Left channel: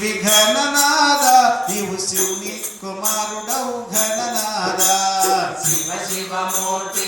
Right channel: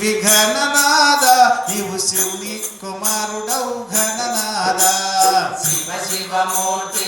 విఘననాద ఇవు శివుని కుమారుడవు ఘననాద. శివ శివ మూర్తి